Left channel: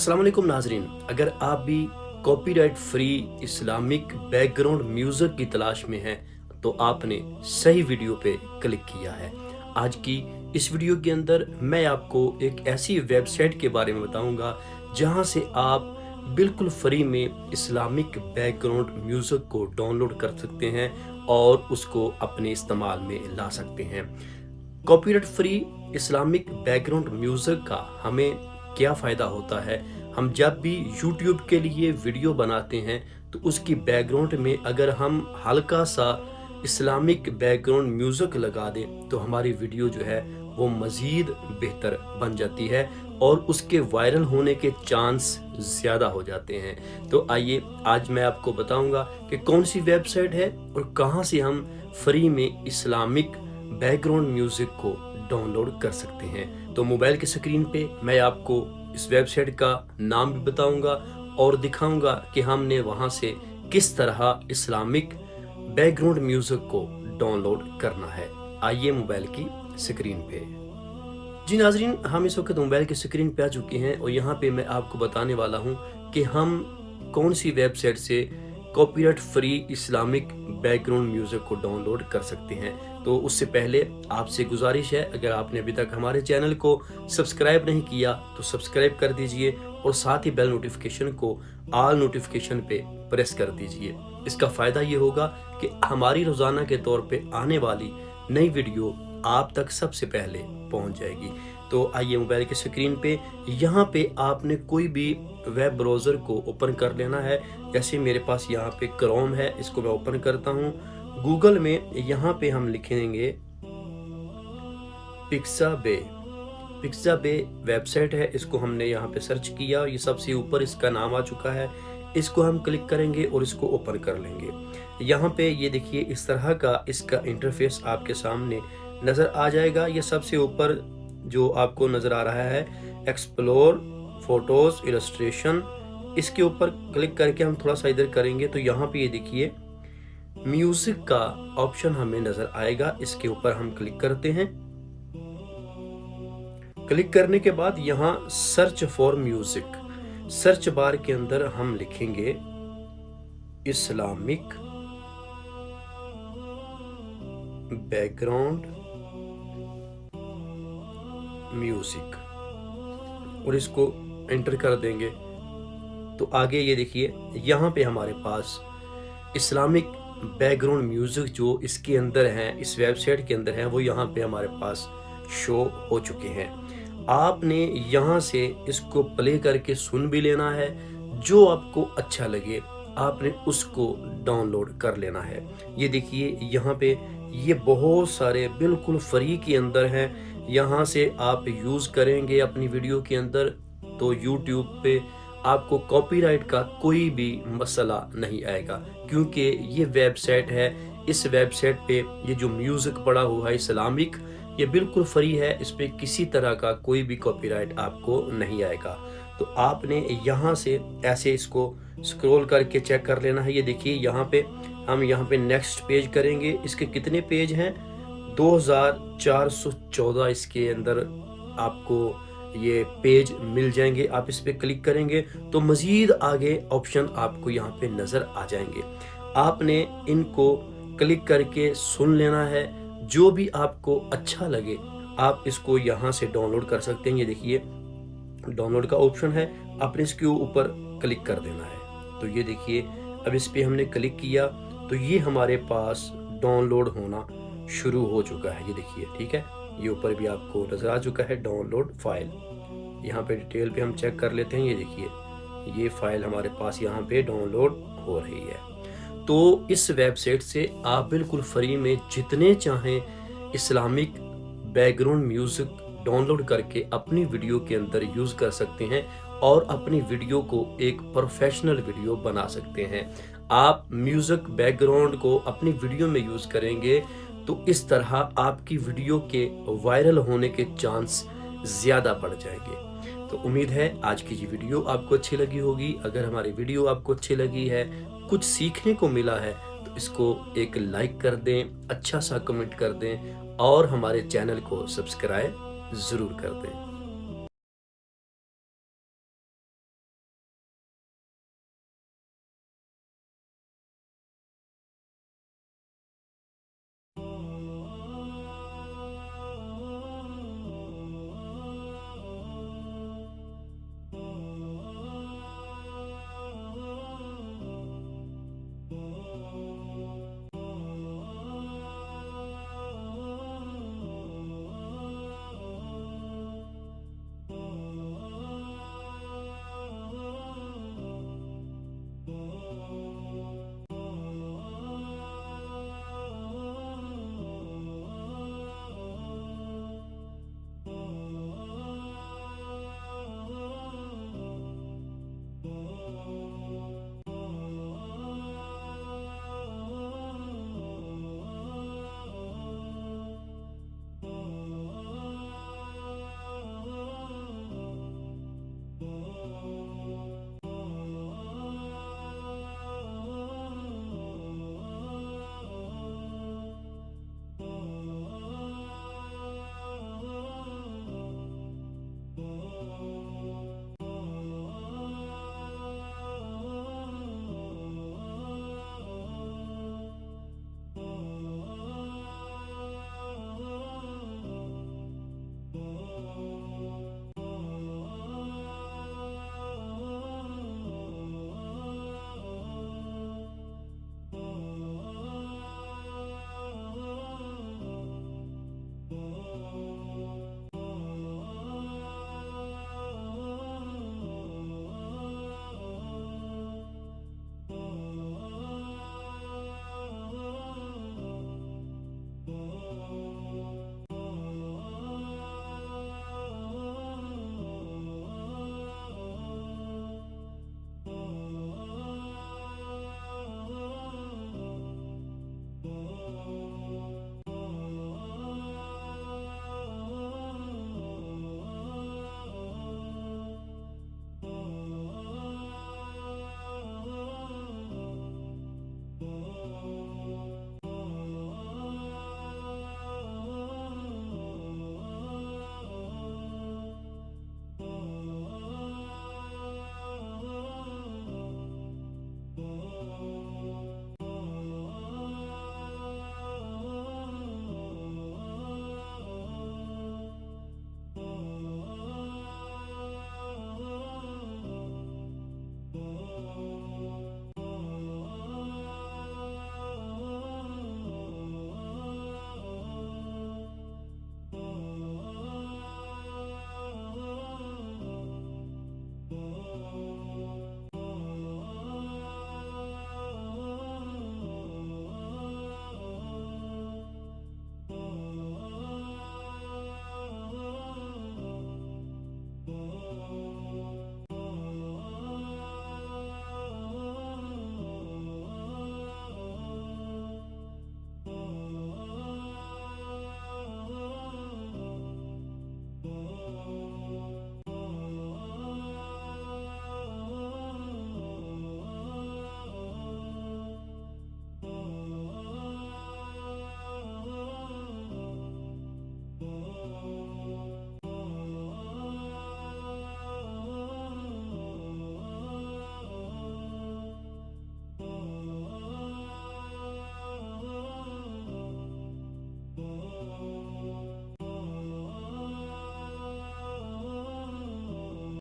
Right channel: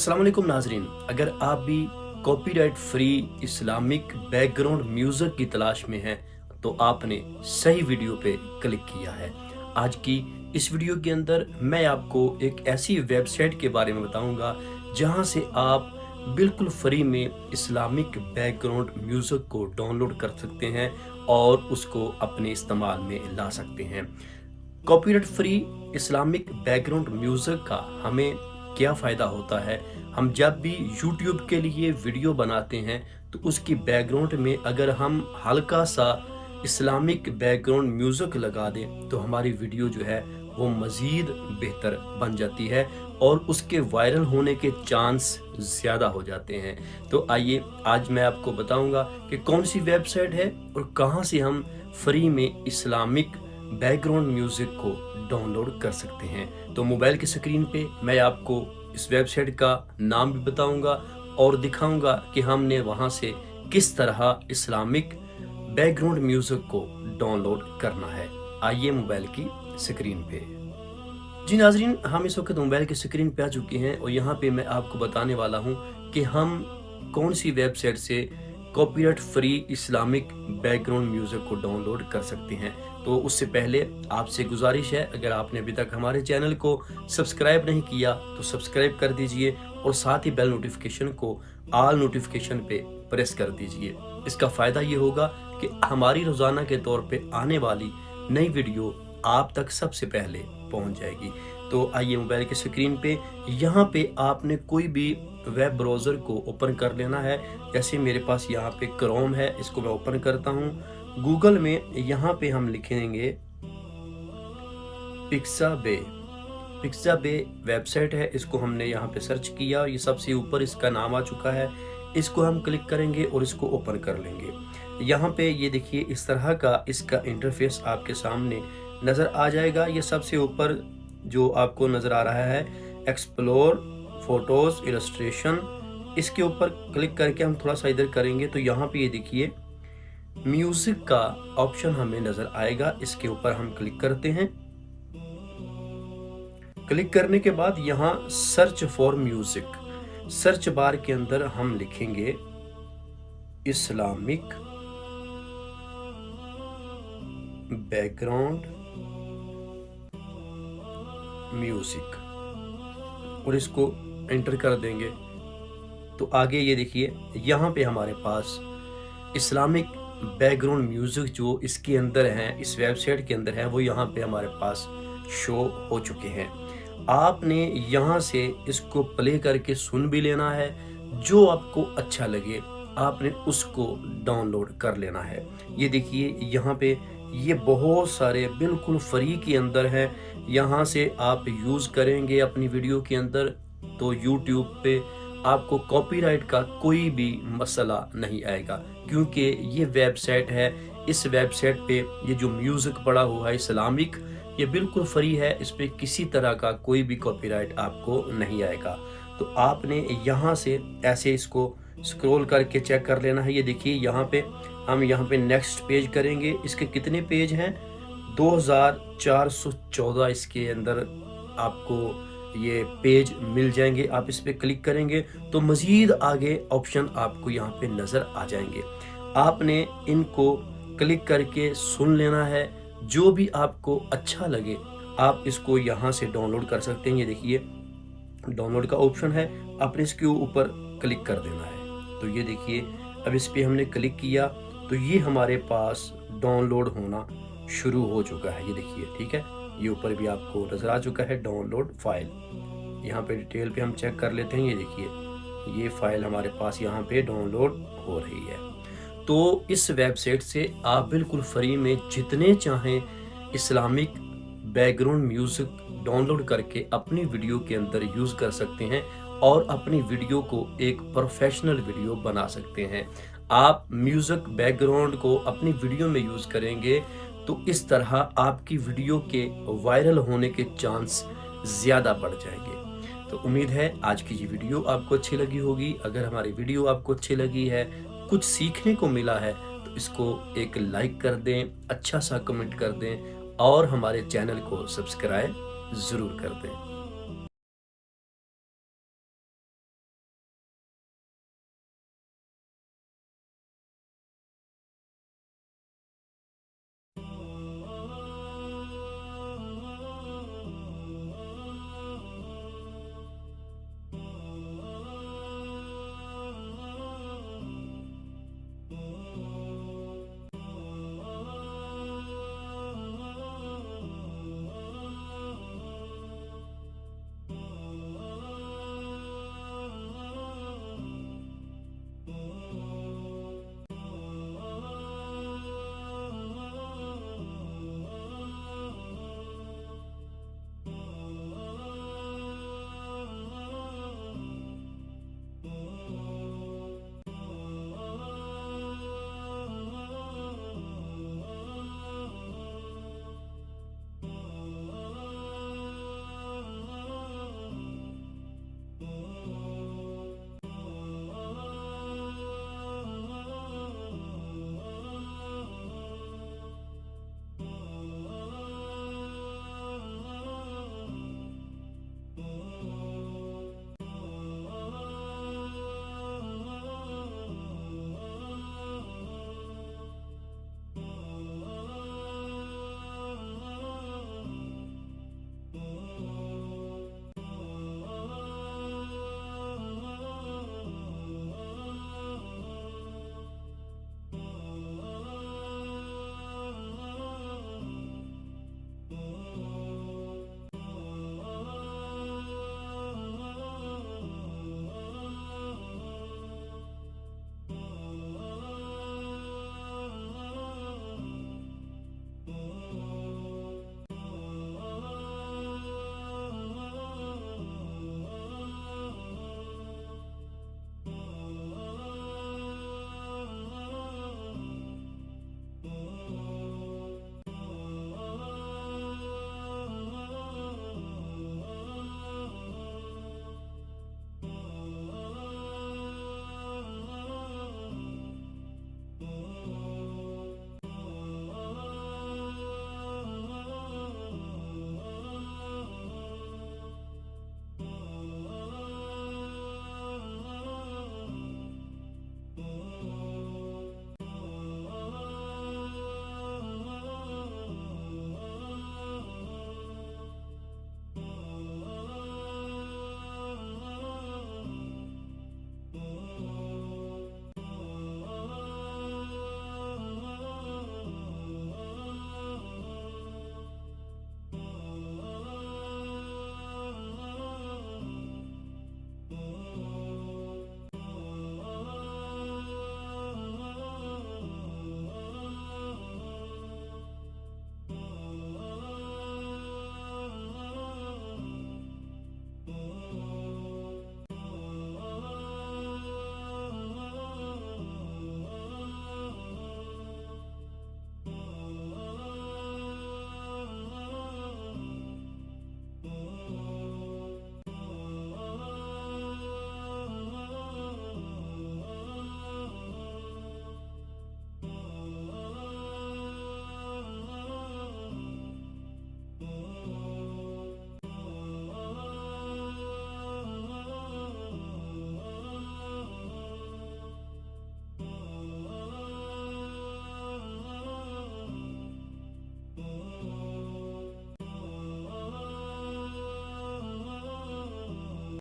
अस्सलाम वालेकुम नाजरीन, अगर आप भी copyright free Islamic background music की तलाश में हैं तो आपने सही वीडियो पे क्लिक किया है। आज की इस वीडियो के अंदर मैं आपको एक ऐसी वेबसाइट के बारे में बताऊंगा जहां से आप बिल्कुल फ्री में इस्लामिक बैकग्राउंड म्यूज़िक को डाउनलोड कर सकते हैं और उसको अपने इस्तेमाल में ला सकते हैं। Copyright free Islamic background music का हमें क्या फ़ायदा होता है? हम जब भी यूट्यूब के लिए वीडियो बनाते हैं तो उसकी बैकग्राउंड में अगर हम हल्का सा इस्लामिक बैकग्राउंड म्यूज़िक लगा दें तो हमारी वीडियो जो है वो मज़ीद बेहतर बन जाती है और उसके वायरल होने के चांस ज़्यादा हो जाते हैं। तो आइए आज मैं आपको बताऊंगा कि कौन सी वेबसाइट है और कहां से हम फ्री में इस्लामिक बैकग्राउंड म्यूज़िक को डाउनलोड कर सकते हैं। तो मोबाइल की स्क्रीन पे मैं आपको इस वेबसाइट का नाम भी बताऊंगा और दिखाऊंगा कि हमने वहां से किस तरह इस्लामिक बैकग्राउंड म्यूज़िक को डाउनलोड करना है। आइए मोबाइल की स्क्रीन पे। जी नाजरीन, हम इस वक्त मोबाइल की स्क्रीन पे आ चुके हैं और यहाँ पे मैं आपको बताने वाला हूँ कि हम कौन सी वेबसाइट से copyright free Islamic background music को डाउनलोड कर सकते हैं। तो उससे पहले आपसे गुजारिश है, अगर आपने अभी तक हमारे चैनल को सब्सक्राइब नहीं किया तो सब्सक्राइब कर दीजिए और साथ ही बेल नोटिफिकेशन को ऑल नोटिफिकेशन पे प्रेस कर दीजिए। इसका फ़ायदा ये होगा कि हमारी रोज़ाना के तौर पे आने वाली नई वीडियो आप तक सबसे पहले पहुंच जाएगी। तो आइए मोबाइल की स्क्रीन पे यहाँ पे आपने कोई भी वेब ब्राउज़र को ओपन कर लेना है। जैसे मेरे पास यहाँ पे क्रोम है, इसको मैं ओपन करता हूँ। गूगल में यहाँ पे हम लिखेंगे पिक्साबे वेबसाइट है, इसको हमने यहाँ पे सर्च किया, ये सबसे ऊपर इसका नाम आ चुका है। इसको हम क्लिक करेंगे और इसको ओपन कर लेंगे। यहाँ पे ये देखिए इस तरह का इसका इंटरफेस आपके सामने नज़र आ जाएगा। ये सबसे ऊपर जो आपको नज़र आ रहा है एक्सप्लोर फोटोज़ इलस्ट्रेशन, इसके ऊपर क्लिक करके हम थोड़ा सा इधर करेंगे तो यहाँ पे ये देखिए म्यूज़िक का ऑप्शन हमें नज़र आएगा। इसके ऊपर हम क्लिक करते हैं। क्लिक करने के बाद यहाँ search for music, search bar के अंदर हम लिखेंगे इस्लामिक बैकग्राउंड म्यूज़िक और इसको एंटर कर देंगे। तो आगे ये देखिए यहाँ पे हमारे पास इस्लामिक बैकग्राउंड म्यूज़िक जो इसके अंदर हैं, इस वेबसाइट के अंदर हैं, वो यहाँ पे हमारे पास शो हो चुके हैं। आपने यहाँ से इसको प्ले करके सुन भी लेना है, जो आपको अच्छा लगे आपने उसको डाउनलोड कर लेना है। ये देखिए यहाँ पे ये बहुत सारे बिल्कुल फ्री के अंदर हैं। यहाँ से आप यूज़ करेंगे अपनी वीडियो के अंदर तो यूट्यूब पे आपको कॉपीराइट का कोई भी मसला नहीं आएगा, क्योंकि ये वेबसाइट है। इस वेबसाइट पे ये जो म्यूज़िक पड़ा हुआ है इस्लामिक, ये बिल्कुल फ्री है, इस पे किसी तरह का कोई भी कॉपीराइट आपको नहीं आएगा। तो आपने यहाँ से ऐसे इसको स्क्रॉल करके चेक कर लेना है। ये देखिए यहाँ पे हम यहाँ पे नेक्स्ट पेज करेंगे। इसके कितने पेज हैं? 2414 इसके अंदर आपको ये पेज मिल जाएंगे। आप इस पे क्लिक करेंगे तो मज़ीद आगे ऑप्शन आपको यहाँ पे नज़र आ जाएंगे। आपने इनको क्लिक करके सुन लेना है, जो भी आपको अच्छा लगे आप इसको यहाँ से डाउनलोड कर सकते हैं। ये देखिए डाउनलोड का ऑप्शन है, आपने इसके ऊपर क्लिक कर देना है। तो ये देखिए अब इस पे हमने क्लिक किया तो ये हमारे पास डाउनलोड होना शुरू हो चुका है। ये देखिए ठीक है, ये ऊपर भी आपको नज़र आ चुका है डाउनलोड फाइल। यहाँ पे डिटेल पे हम चेक कर लेते हैं। ये देखिए ये फाइल हमारे पास यहाँ पे डाउनलोड हो रही है। तो इस वेबसाइट से आप बिल्कुल फ्री में जितने चाहें इस्लामिक बैकग्राउंड म्यूज़िक डाउनलोड करके अपनी वीडियो के अंदर यूज़ कर सकते हैं और अपनी वीडियो को एक प्रोफेशनल वीडियो बना सकते हैं। आप म्यूज़िक बैकग्राउंड को अपनी वीडियो में यूज़ करेंगे तो इस तरह आपकी वीडियो के वायरल होने के चांस ज़्यादा बढ़ जाएंगे। तो उम्मीद है आज की ये वीडियो आपको अच्छी लगी होगी। अगर हमारी वीडियो आपको अच्छी लगी है, कुछ सीखने को मिला है, तो इसको एक लाइक कर दें, अच्छा सा कमेंट कर दें और हमारे चैनल को सब्सक्राइब ज़रूर कर दें।